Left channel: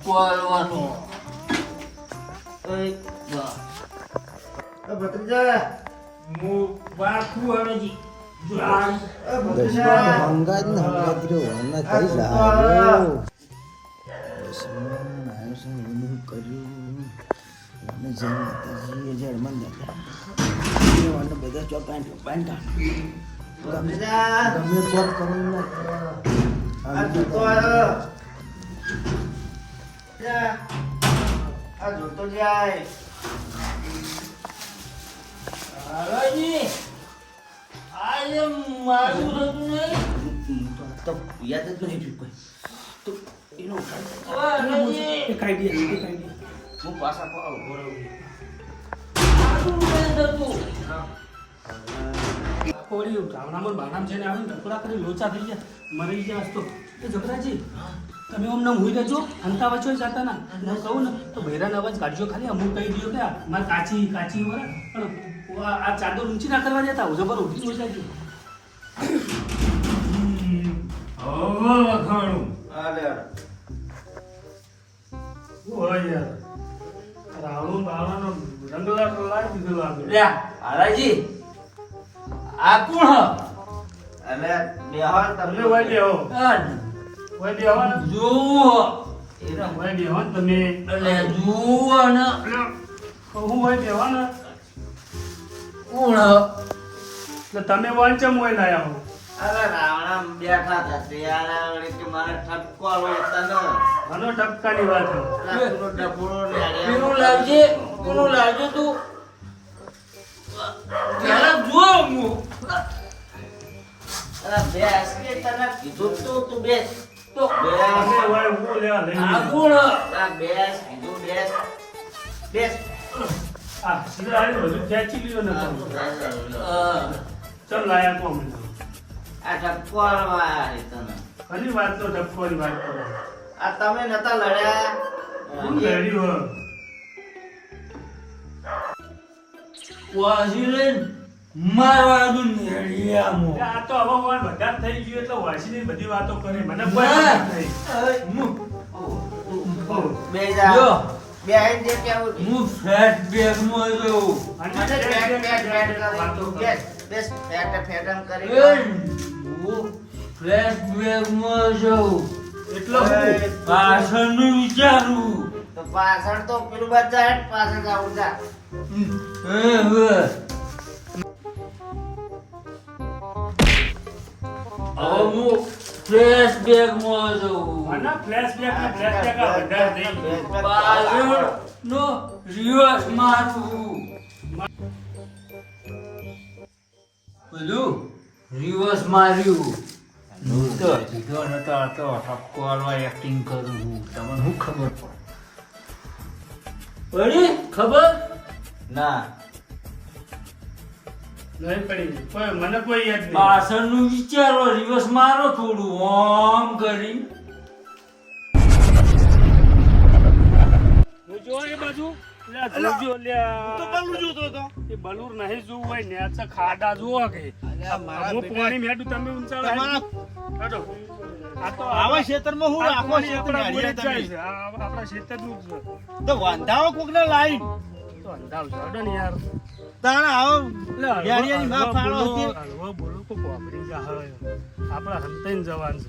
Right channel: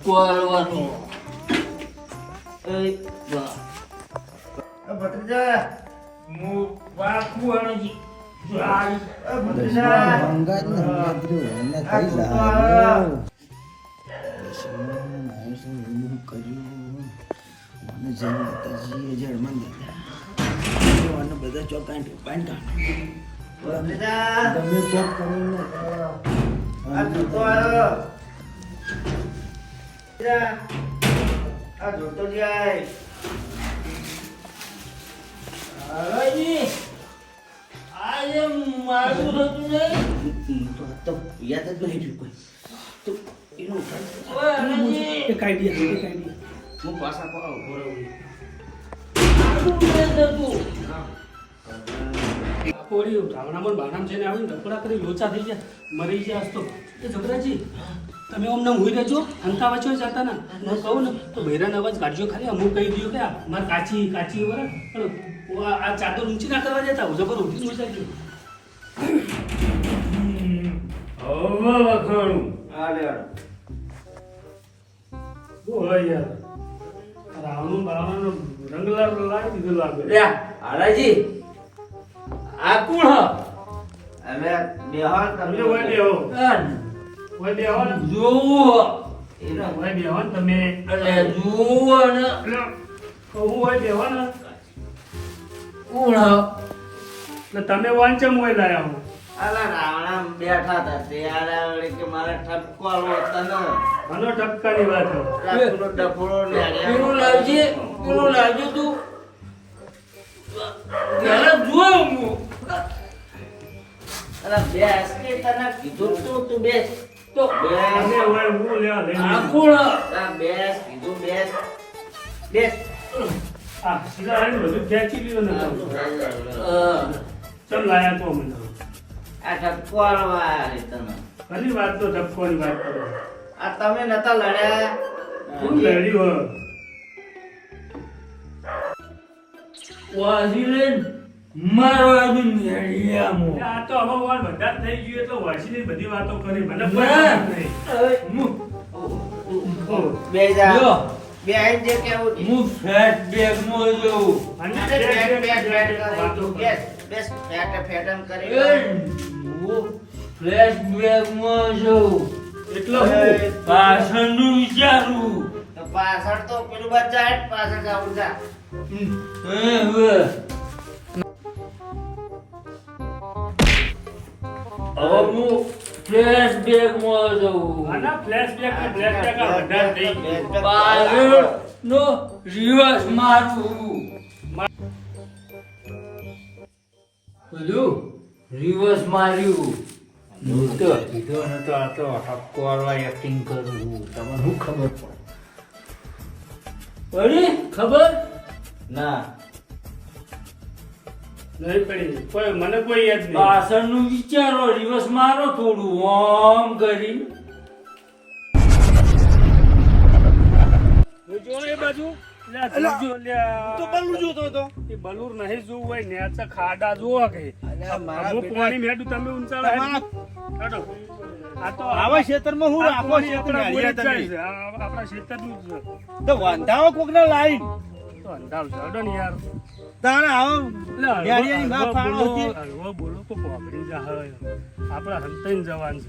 ઠપકો આલવાનો ભત્રીજા હું બાપુ અને જી હંગાત ને હંગાત રહ્યો આના કઈ લાગ્યો કર્યું અને જેમ માતાજી જળમાં અને બધા ચોકાઈ ગમે ચોક કરીને આ જોતો જાય હારાજી આજે મારું હતું નહીં તો યાદ જ નહીં કોઈ તો એનું હારાજી હું પાછા પાડો બોલો મારું નહીં થતું પોરી ગામડામાં બાનામ છે ને આવી નકરા કરી લોચા થઈ ગયા મરી ગયા તો એ જબરાજી તમે અમને હુઈ રહેજો હંકા વચ્ચે જતા ના હું કહું ને તો બહેરાન અવાજ કાઢજો ખાલી અમુક કહી દઉં કે મારે કાચી કાચી બરાબર આ ચાદર ઊંચી ના કરવા જતા હું જબર ઊંચી થઈ જાય હવે વખોડું આ લે હોય યાર રાવણું બાવણનો રંગ લાગી દીધો લાગે લ્યા હારાજી આ કોણ હ એટલે બેહાર તમને તમને હોય બેહો આ હોય બેહો ને જોવો એને હોય બેહો ને તમે એટલે જોવો ને કહું હોય બેહો ને કોણ હ એટલે તમે વાંચમ હોય લાયા હો આલા રાવણા બેઠા હતા શિયાળા વડે કે મારે ઠપકો આલો તને મને ટપકાની વાત હો ડફોડો ડફોડો પેલું લાવજે કોનું લાવજો તું પેલા જો હું અરે બેસ કે તને કીધું તું બેસ તો તમે હોય હું લેવા લઈ આ કોણ હ બેસ કીધું બેસ બેસ આ સીધા આવીને બધું ખેંચી લીધું ને ચમ લાયા કહો મને આ ઠપકો આલવા આયા તને ઘણી વાત તો ટપકોની વાત કરો આ તમે નતા લડ્યા હું લડ્યું વાજીલેન મારવા દો નેડિયામો આ તો હવે વાળ બધા જ થઈ ગયું એટલે વાસીની બધી વાતો કરી મને ના. બે જા જો બે આઈને જે કેવું છે હું ફ્લેશ બેગમાં જોઉં અને બેસ વાતો કરો. બેસ ફેટમ કરી હું ફ્લેશ બેગમાં જોઉં એટલે હું પાછળનું વિચારું તો પાછળ તો પેલું બચ્ચા હેઠ પાછળ જાવું જા હવે હું ફ્લેશ બેગમાં જોઉં આના ફ્લેશબેક ને ફ્લેશબેક આ વધારે થઈ ગયું પાછળનો રિવર્સ મારું બધું રિવર્સ માર્યું હું તો કીધો નતો આ તો ઠપકો વાળવા એક્ટિંગ કરું છું તમને શું ખબર પડી ખબર ના નહીં પડી કોઈ મને કોઈ યાદ નહીં પાછળનું વિચારો રિવર્સ મારો થોડું ઓમ કરી જોજો એ બાજુ લે જોજો લે તો બલૂર જોતો તો એ બલૂર નહીં જોવું હોય ને આ ખાડા જોવા કે મારા હું પાણી મેડું તમે ઊંચા કાઢો આ તો આવા ક્ષેત્રમાં હું આખો પાણી ક્ષેત્ર આપણા હાલ્યા બોરે જ જાય તમે છે. આપણા ક્ષેત્રનું જ છે. તો વાંધાવો કોકને લાઈન તો અંધારું છે. હડો ને યાર તારે આવો એટલે ગાડીયાની માં ફાળો બોલો, હતી. હળવો બોલો તો કોપરી જાહે. આપણા હંતાઈને જવાન છે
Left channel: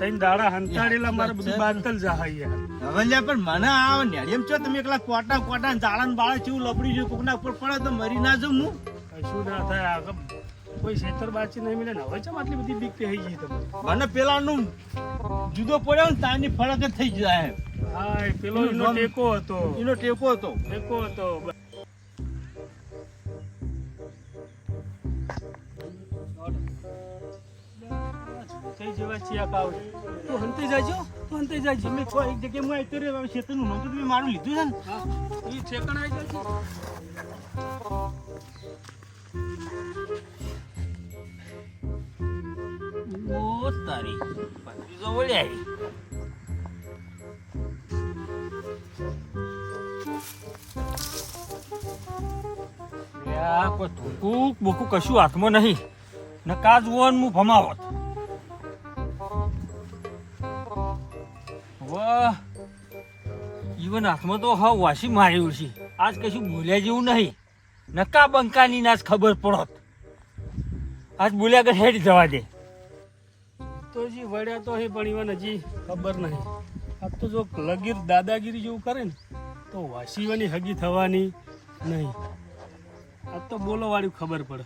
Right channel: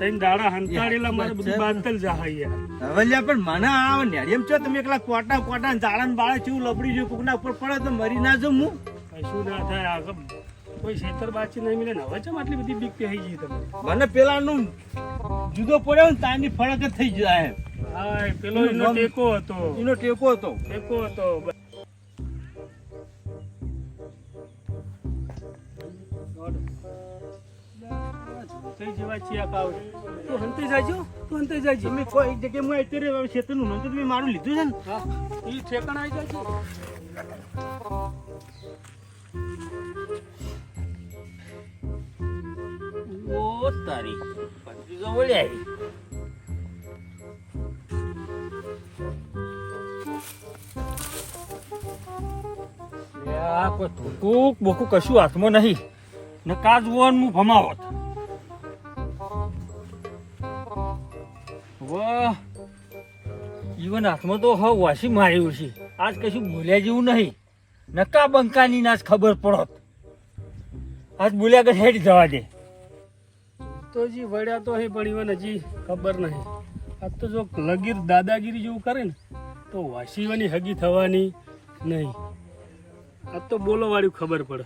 તઈને દાડા હંતાડેલા મારે બધું બાંધલ જાહે યાર હવે લ્યા પણ મને આવો નેડિયમ છો તમે એકલા કોટા કોટા જાળા બાળા જેવું લબડી છે કોકના ઉપર પડે તો મરી ના જાઉં હું કશું ના થાય આગળ કોઈ ખેતર બાચી નહીં મિલે ને હવે ચમ આટલી બધી બીક થઈ ગઈ તમે મને પેલાનું જુદો પડ્યો ને તારની ફરક જ થઈ જાય હા એ પેલો એનો ટેકો હતો એનો ટેકો હતો ટેકો હતો હંતાઈ જેવા ચિયા કાવ. તું હંતાઈ જાજો, તું હંતાઈ જાજો. તમે છો એક જગ્યાએ હું આવતો રહ્યો હવે ક્ષેત્રનું નામ તો તમે મારું લીધું છે ને હા, ઈ ઠેકાણા આઈ જાજો. ઓ તારી પતિ તો બોલ્યા આ કોઈ ધોકું બોકું કશું હાથમાં નહીં ને કાજ વોનનું ભમાવત વાહ જીવન હાથમાં તો હા વાસી માર્યું છે. આજ કશું બોલ્યા જેવું નહીં. નકા બંકાની નાચ ખબર પડત. આજ બોલ્યા કે હેડ જવા દે. તો જી વળ્યા તો હે પણ ઈવન હજી ખબર નહીં. આ તો જો લગીર દાદાગીરી જેવું કરે ને તો વાસીવાની હગી થવાની નહીં. આ તો બોલો વાળું ખબર પડે.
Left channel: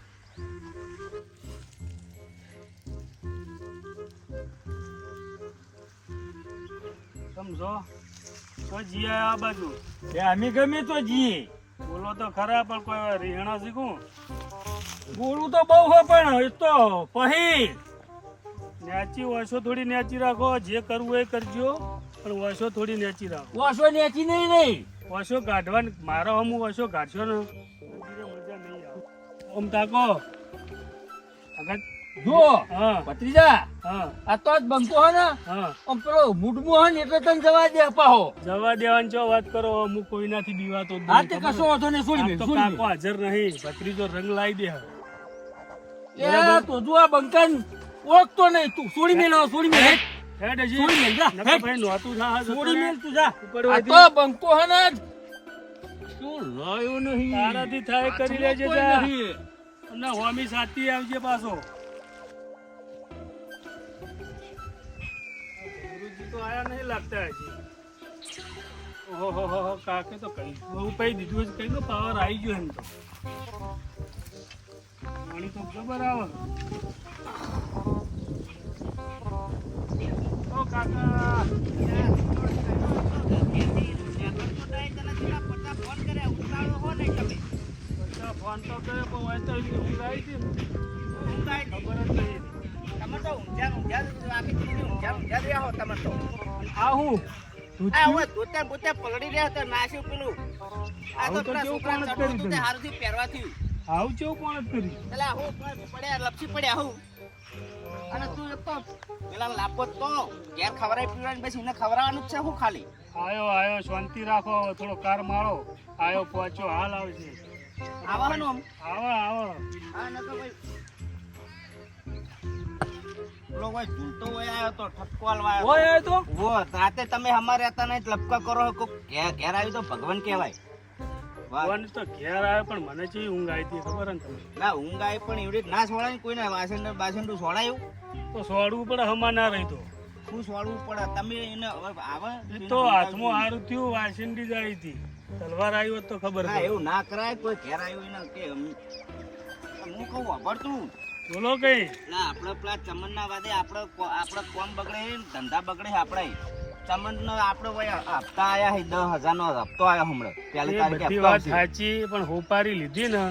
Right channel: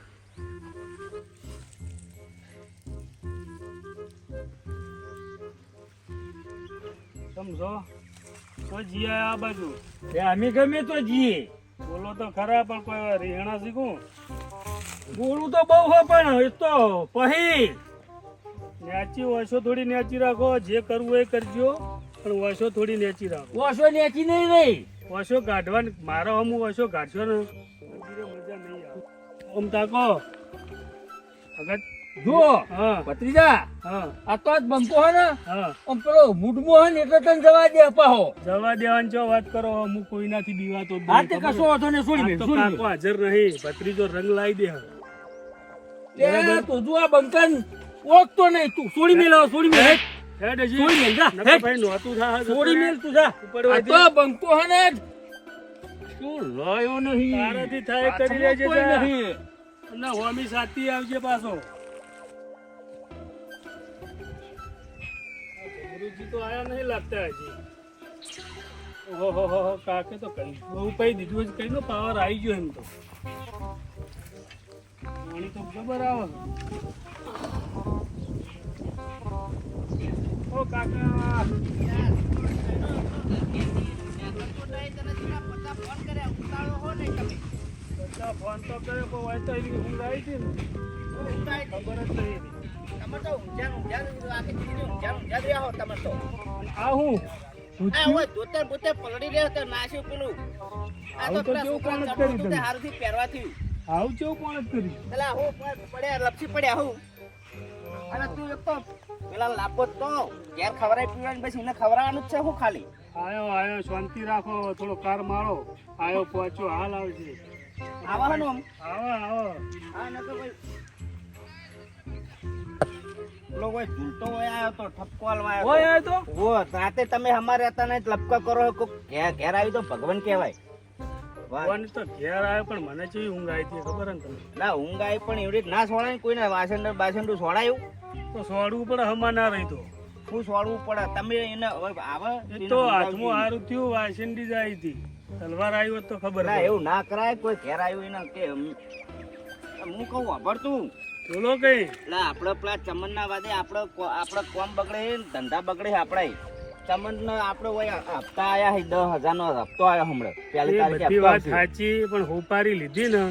સમજો કોઈ જી આ બાજુ એ અમે ગમે તો જીએ. બોલો તો ખરા પણ કોઈ રીહણા શીખું બોલું તો બહુ હોય પણ એ તો પછી નેચી વસો થોડી નેચી રાખો. જે કરવું એ કરજો પણ વસો થોડી નેચી રાખો. વાસો નેચી નહીં રહી. વસો કાઢવાની મારો હમું વસો કાઢશો ને મજા નહીં આવે. ઓમ તાકો આગળ જુઓ હા ભત્રીજા, હા આ તો જ બનતો હોય ને હા આમ પેલો મૂડમાં હોય ને એટલે તને જવા દે અપાહો. જવા દેવાની છો વાત કરો. અમુક કોઈનાથી બીવાતો જ નહીં. હા તે કશો વાંધો નહીં. છોડી આજ મેલ, તો છોડી કાકો હાજર નહીં. ભત્રીજો રંગ લાવી દે હવે. મેલ. એ તો તું આ બંકાન ઓળખતો નહીં. તું છોડી મેલ, હવે છોડી મેલ. હેટ. હેડ હજી. છોડી મેલ, જા, નકર હેડ. ભાઈ નહોતું થાય. છોડી મેલ તું જા. ઉપર આ વધી. તો બંકો હે ને જ. શું લાયો નહીં. તારાથી થાય કરી લેજે કોઈ જા. નહીં. અને હોમી સાથી આવજે પાછો. ગુરુજી તો આયા નહીં લાગતા હજી. ઓહો કાકે તો કઈ બહુ પઈ દીધું છે. કઈ નો પાવર આવી ગયો એમ તો. પાણી તો જબર આવે. ઓ કાકા બધા ફોન તો કર્યો પણ હોય તો એની ઊંઘ આવી હતી ને ખબર જ નહીં. આ હું આવું તો કેવું કોણ જ કર્યું તમે? આવું કેવું કોણ જ કર્યું? આયો શાંતિ રાખો. થોડો કાર મારો. આયો પહોંચો હાલ આવશે. આવો આવો. ઓય એ તો રાતે તમે અમારે હતા ને લપકા કરો ઘેર આવી તો ભગવાન કહેવાય. ફોન તો ઘેર આવ્યો પણ મને ચેવી ઊંઘ આવી હતી ખબર ને તમને? ના ઊંઘ આવી પણ એવડી ના સોડાય કોઈને. વાસણ બાસણ સોડાયું તો સોડવું પડે. હમા ના રહી તો શું સોડવું પડે? તમે એને આવે એ તો હાથમાં હારું થયું. વાસંડી જ આવી હતી. તલવાર આવી હોત તો ખબર ના પડે. એવું ના કરાય. કોઈ ઘેર આવ્યું એને કે હું કહું વાપરતું બોલો કઈ ના આપણે પેલા ચમન ના વાદે આપણે કોમ બગડે ધંધા બગડે આપણે ચમન નો આપણે હપ્તા આયા 10,000 નો હપ્તો આવ્યો હમણાં પહેલી એ તારીખે બધી હપ્તો વાત આવશે. સાચી પણ હોપારી લીધી ને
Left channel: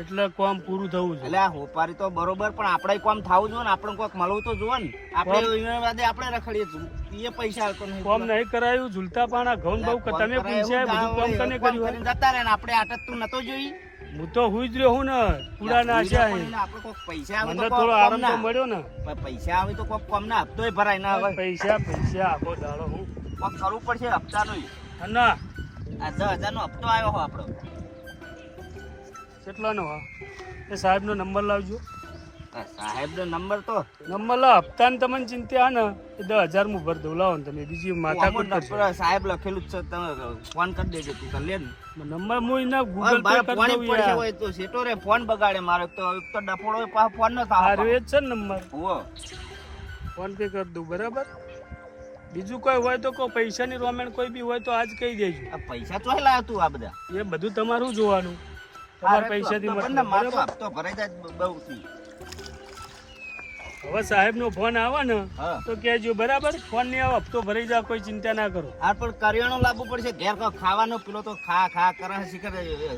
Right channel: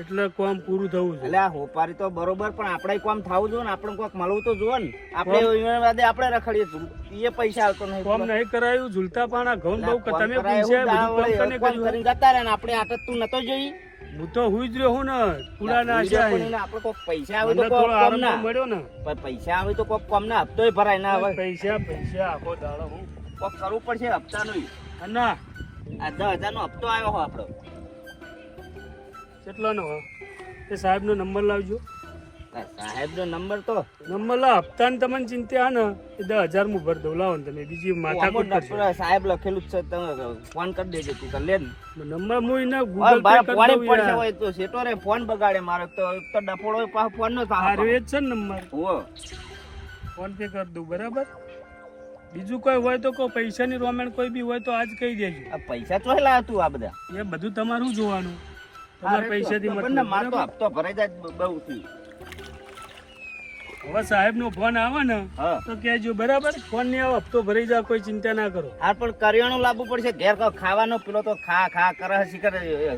એટલે કામ પૂરું થવું છે. એટલે આ હોપારી તો બરોબર પણ આપણે કોમ થવું જોઈએ ને. આપણે કોઈક મળવું તો જોઈએ ને. આપણે એના વાદે આપણે રખડીએ એ પૈસા આવતો નહીં. કામ નહીં કરાયું. ઝૂલતા પાણા ઘઉં બહુ કોમ તમે કરાય એવું પૈસા દાવ બધું વળે, કામ કોમ કોને કરીને કર્યું? જતા રહે ને આપણે આટત તું નતો જોઈ. હું તો હુઈ જ રહ્યો હું ને પૂરા ના પણ એને આપણે કોઈક પૈસા આવે તો મને કોક થોડો કોમ આરામ ના તો મળ્યો ને. પણ પૈસા આવે તો કોક કોમ ના હપ્તોય ભરાય ના આવે. પૈસા આખો દાડો હું કોક કરવું પડશે હપ્તાનું. ના આ 10,000 નો હપ્તો આવ્યો હો આપણો. કેટલાનો એ સાહેબ નો નંબર લાવજો. સાહેબ નો નંબર તો નંબર લાવ. હપ્તાની તમને ચિંતા હે ને એ 10,000 હું ભર દઉં. લાવો ને તમે બીજી માથા સાહેબ લખેલું જ છે. તમે ફોન કરી દેજો તું તો લે ને. નંબર હું એના ગૂગલ પે કરી ફોન દઉં પડશે યાર. હોય તો સેટો રે ફોન બગાડે મારો તો એક તો ડફોડો હોય, પાછો ફોન નો આ થાય. રહ્યો જ છે ને નંબર. હો ફોન પે કરી દઉં બરાબર. બીજું કોઈ હોય તો કોઈ પૈસાની રોમેન્ટ કોઈ બી હોય તો આજ કહી દેજો. આ પૈસા ચોય લાવ્યો તું આ બધા? એ બધું તમારું જોવાનું. તમારા પૈસાથી મતલબ, માર તો બરાબર? હપ્તો ભરાઈ જાય બહુ થી. હવે સાહેબ નો ફોન આવે ને હા તો કહેજો બરાબર. ફોન નહીં આવે હપ્તો ભરાઈ જાય કોઈ ચિંતા ના કરો. આ પણ કરિયાણું લાવવું પડશે ઘેર. ખાવાનો પેલો તો ખા કરે શીખર.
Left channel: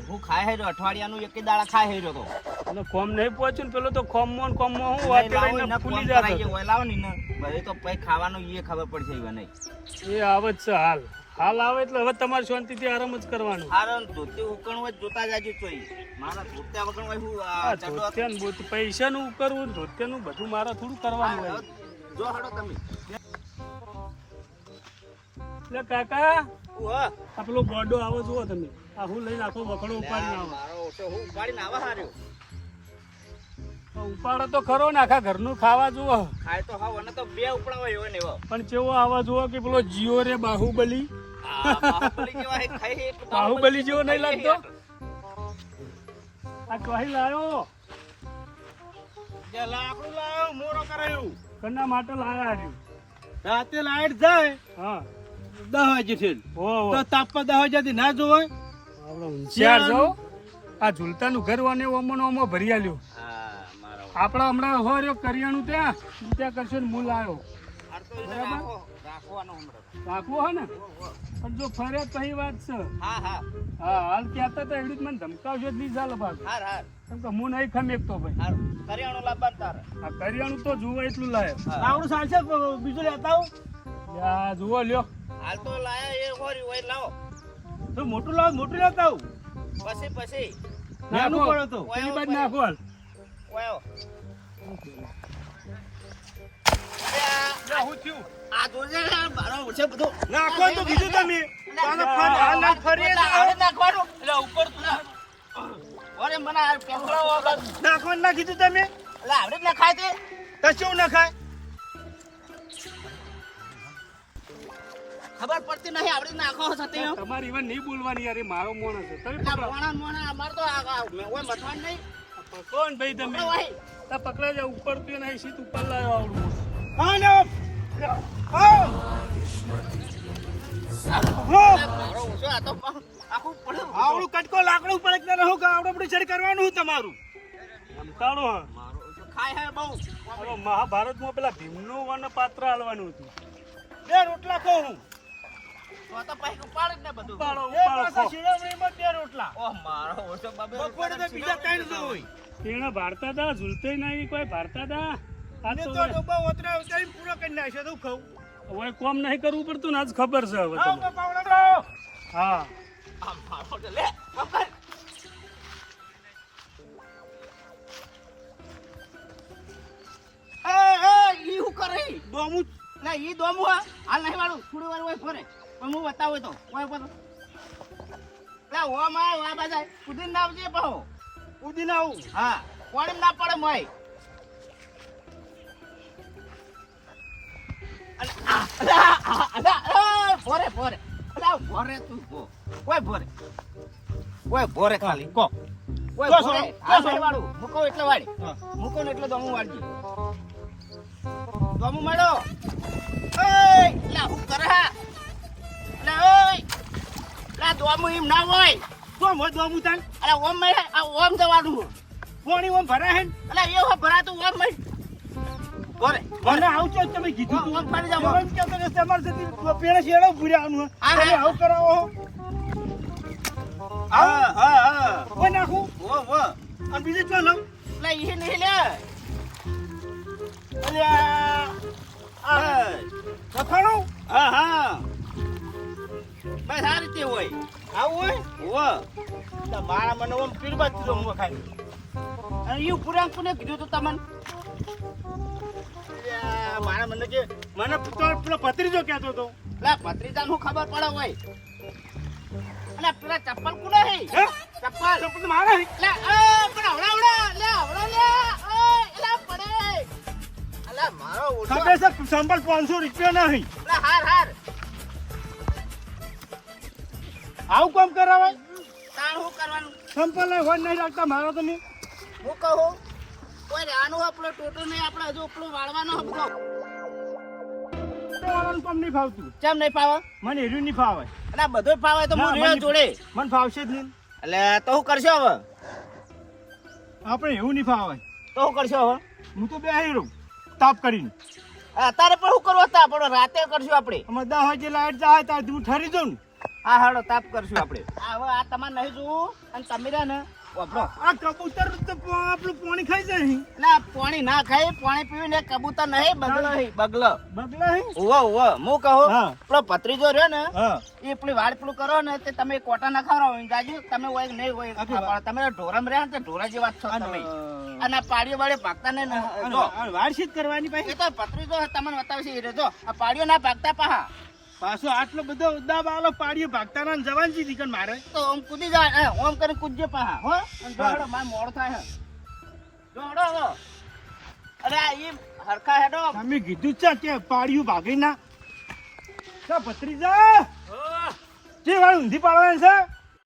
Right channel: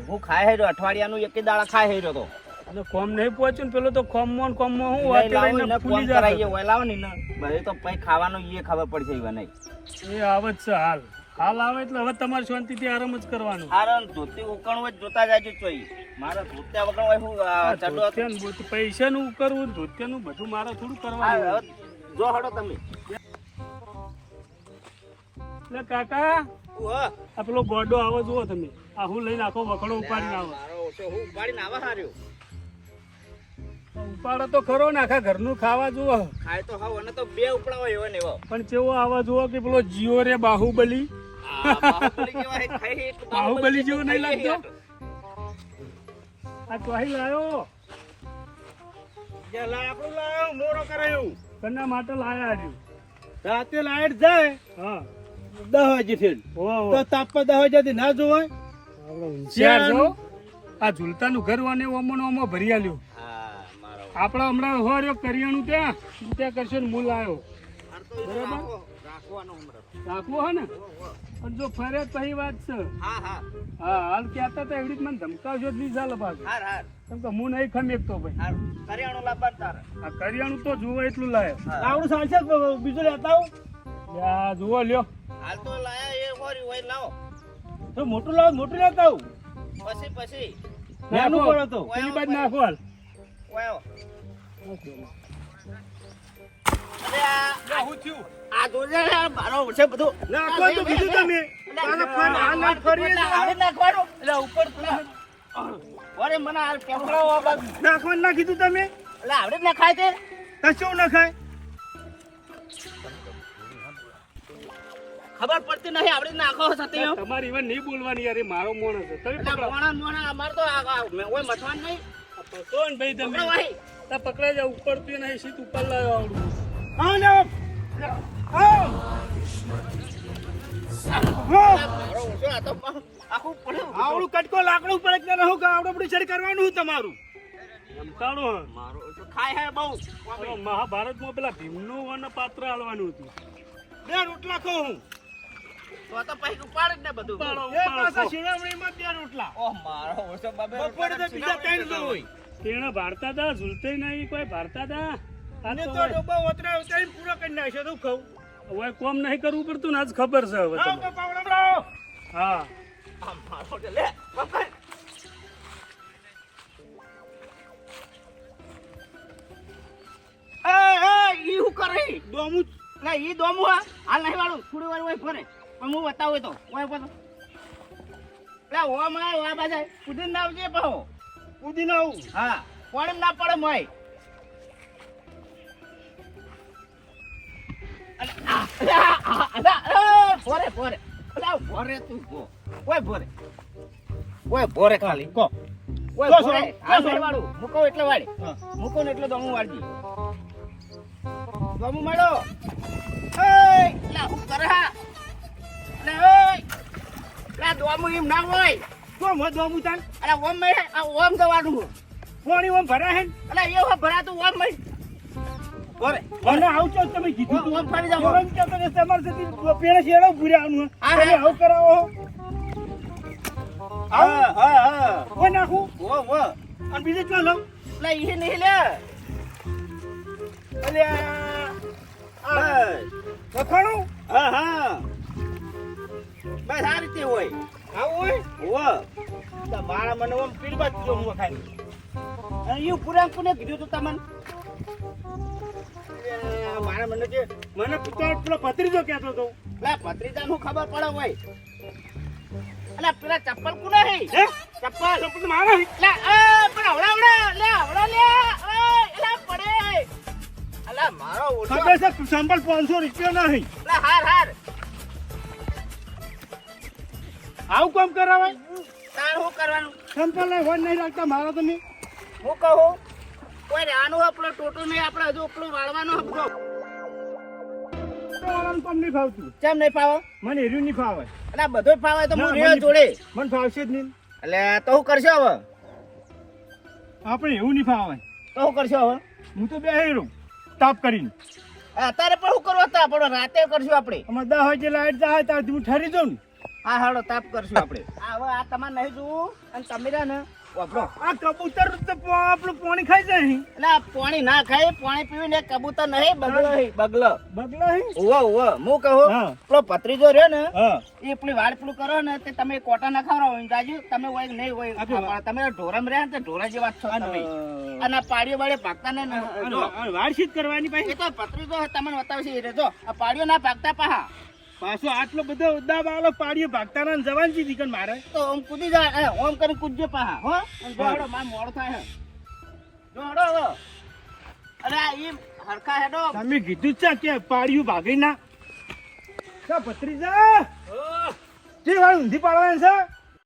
હું ખાય હેર્યો અઠવાડિયાનું એક દાડા ખાય હેર્યો તો. અને કોમ નહીં પહોંચ્યું ને પેલો તો કોમમાં હું નહીં લાવો વાત એને ફોન ભૂલી જાય. કરાવીએ હોય લાવો ને એને. બધે તો પછી ખાવાનું એ ખબર પડશે એવા નહીં. એ આવે જ છે હાલ. હાલ આવે એટલે હવે તમારે શાંતિથી આરામ જ કરવાનું. હારણ ધોતી ઉકણ હોય જોતા જાજો ચોઈ. મારા ધોત્યા વગર હોય હું આ ચડો. પૈસાનું કરવું ધોત્યાનું બધું મારા થોડું કરવાનું. હવે જો હડો તમે. એટલે કાકા આ પેલો ગોડો આવો જુઓ તમે. આ હું લઈને આખો વખડો ઉપાડીને આવે. ઉપાડો તો ખરો ને આખા ઘરનું ખાવા જુઓ. ખાય તો હાવ અને તો બે ઉપડા હોય એવો ને એવો. પણ કેવો આવા જુઓ કે પેલો જીઓ રે બાહુબલી બાહુબલી જેવા હે, ખાઈ એટલું બધું બાહુબલી જેવો નહીં ખાઈ લાગતો? આ ચોહી લાયો જે લાકડું લાવ્યો મોરો કરાયું કના માટે લાયા હજુ? રાતે લાઈટ જાય હા 10 વાગે થી ઓહો તો તાપમાં 10 વાગ્યાથી ના જોવાય આપણે હોશિયાર છો. આ ઝૂલતાનું ઘર વાને ઓમો ને ઓમો ભરી આલ્યું. હા, મારો આપણા હમણાં હોર્યો કરિયાણું ત્યાં કરશે ને મૂળ આવ્યો આ તો બરાબર. રાખવાનો હમણાં. રાખવો હે ને પણ જો ફરે તો એ વાત છે. હા હા હા હાલ કહેતા હતા એવી રીતે મને ધમકાવજો જ નહીં ચાલે પાછું. હાર હાર કેમ કે હું નહીં ખમેકતો ભાઈ. હાર કરિયાણું લાવવાનું તારે. આ કરિયાણું તો જુઓ એટલું લાય. આવડું ચાલશે બીજું લેતા આવું યા જુઓ લ્યો. હાલ તો લાયા એ હોરી હોય લાવો. તો મોટું લાવ મોટું લેતા આવું પછી નાનું નાખો. પડે તો પેલી બાજુ નાખો હાલ. વાયો. અરે આ જોજે ને, આ મારો છે બધું. નાખો તો બીજું તમે એટલે હાલ ફરીએ તો. આવડે નાખવાનું. એટલે ઉપર પેલા ઓરે મને આ કેમેરો નાખવાનું ના કીધું તમે એટલે આવડે જ નખાય તે. કશું ના ખાય ખબર પડતી નહીં આવડે નાખો સાથે એમ. તમારી ઈવન નહીં બોલવાની યાર, એ મારો માણસ છે. તમે એટલે પકડો. મોણા અમાર તો ઓય મથવાનું નહીં. પકડો ને ભાઈ તમે. પકડો ભાઈ. આ પકડાઈ જાવ ઉપર થી નહીં સીટ ઉપર લાવ્યો આવડું. હા લે મારો ઓછો આ તો આખું પડ્યું. આવડું કટકો લાકડું પડે કે રહો કે આવડું બધું છેડ કરવાનું હું તમારું ધમકાણો હા. મારો ઓછો ખાય હે બહુ. હવે મહાભારતમાં પેલા ભીમનું વન પાત્ર આલવાનું હતું. બે રોટલા ખાઉં હું તો તો પછી ઉપાડ જ ને બધું. ઉપાડો, એ ઉપાડો, પાછા ખો. શિરોમણીમાં બે રોટલા ઓહ મારો ઓછો બાબે બપોરે તો બીજા 3 તો હોય તેને ભારતા હતા ઝૂલતે નહીં કોઈ ભારતા હતા. આ ને તો તો ડબ્બા ઓતરા ઉતારી પૂરો કરી નાખ્યો તો ખાઉં હવે કોમ નહીં કરવું પડતું ને આજ ખબર છે હવે આવ તમને. તો પાવડા લાવો હા આ મારો તો લે પકડ. ઈ હું કરે? દોમું ના ઈ દોમું હા હાલ નહીં વાળું થોડી વાર હોય ફરે પણ હું બતાવું તો હોય પર લે ઓ માં આ બાજા કુદીન ના આવજે પાહો. ઉદી ના આવું હા કોણમ ના પડે મોય. ભોરે ભોરે ભોરે તું કોઈ ભોરે કોઈ ભોરે ખાલી કો કોઈ કો ભોરે કો આ સાઈડ વાળું મૂકો એટલે વાળી મૂકો ને એટલે દમું વાળજી દમું માડો એ લા હું કરે હા લે ઓય લા દમું એમ ના હોય તો મો દોમું તાન અરે ઓમ મે આ ઓમ જવાનું પાણી ઓમ ભરા હે અલા એ હો ભરાતું ઓમ મે ભોરે મને આવું તો તમે કીધું ઓમ ઓમ ફરી જાવ કેમ કે તમે તમાર જતી પેલા શેડો ભૂર્યાનું હા, તમે હા. આવું કરાવો હા હા હા કોઈ નાખું ઓ ઓ અને બીજે ક્યાં લઉં લે ઈ નહીં લે અલ્યા લખાણું હા હા બસ આ રીતે હોય આવું હોય ઓ તો મારા મને ઓમ પીરબા દીધો હું ખાઈ અને ઈ પુરાણ કોને કીધું તું તમને મારા મને કે મને પેલો ભત્રીજો કહેતો હતો લે ભત્રીજા નું ખબર પડે હોય અલે પેલા ચપ્પલ કોને હે હે ચપ્પલ ચપ્પલ મારા હે? લે પણ આવડા લે આવડા લે એલા પડે અલા મારો ઓછો ખબર છે સંભળ 500 રૂપિયા નહીં લે હાર હાર આવું કામ કરાવાય તાર શું કરવાનું સંભળ ને વન નહીં રાખતા મારા તમે હું કહું કોઈ રહેવાનું આપણો ટોટો નહીં આપણે હજુ આપણો વાળવાનો આપણો વાળાનું કામ નહીં ફાવતું કેમ નહીં પાવે મને એર્યું નહીં ફાવે એટલે બધો ફાવે તો ના, હું મને રહ્યો જોડે મને ફાવશે જ નહીં એટલે તો શું કરશો હવે આપણે એવું નહીં ફાવે તો શું કરશો હવે હું તો બે રહું તાપ કરીને અત્યારે પણ શું કરવા હતા પણ રાતે કરશું આપણે અમારે 10 વાગે લાઈટ જાય ત્યાં હું ઠરી જાઉં ને હા હાલો તાપ કરશું આપણે હવે આ તમારે નહીં જોવું અને તમે રહ્યા ને વાપરો આ કબૂતર તો આપણું પાણી ખાઈ જાય અહીં. એટલે આ પાણી ના ખાય પાણી પીવીને કબૂતર નહીં બગલો હે બગલો બગલા હે ઓવો ઓવો હું કહું હા. પેલો ભત્રીજો રહ્યો ને હા એ પેલી વાડ પેલું કરો ને તે તમે કોટા ના ખવડાવો દાજુ તમે હોય કે નહીં હોય આપી વાત. તમે ઢોરમ રહ્યા ને તો ઢોરા જેવા જ છો તમે અને આ પાડીઓ બાળે ભાગતા ને જો વાડશીત કરવાની એ ભાઈ તો ભત્રીજો તમને બતાવશે એ રહ્યો. જો આ પાડીઓ ના ભાગતા પાહા પાછો આટલો બધો ઉદ્દા બાલો પાડીએ ભાગતા ના જવાન છે દીકન મારે તો ઓમ કૂદી જાય ઓમ કરીને કૂદજે પાહા હો અને જોડો માર મોડ થાય હે જોડો હવે અરે આ ઈ હરખા હેડો તમે કીધું છે કે પાડીયું ભાગી ના ભત્રીજા હા. ચી ગાડી ઊંધી પાડવાની છે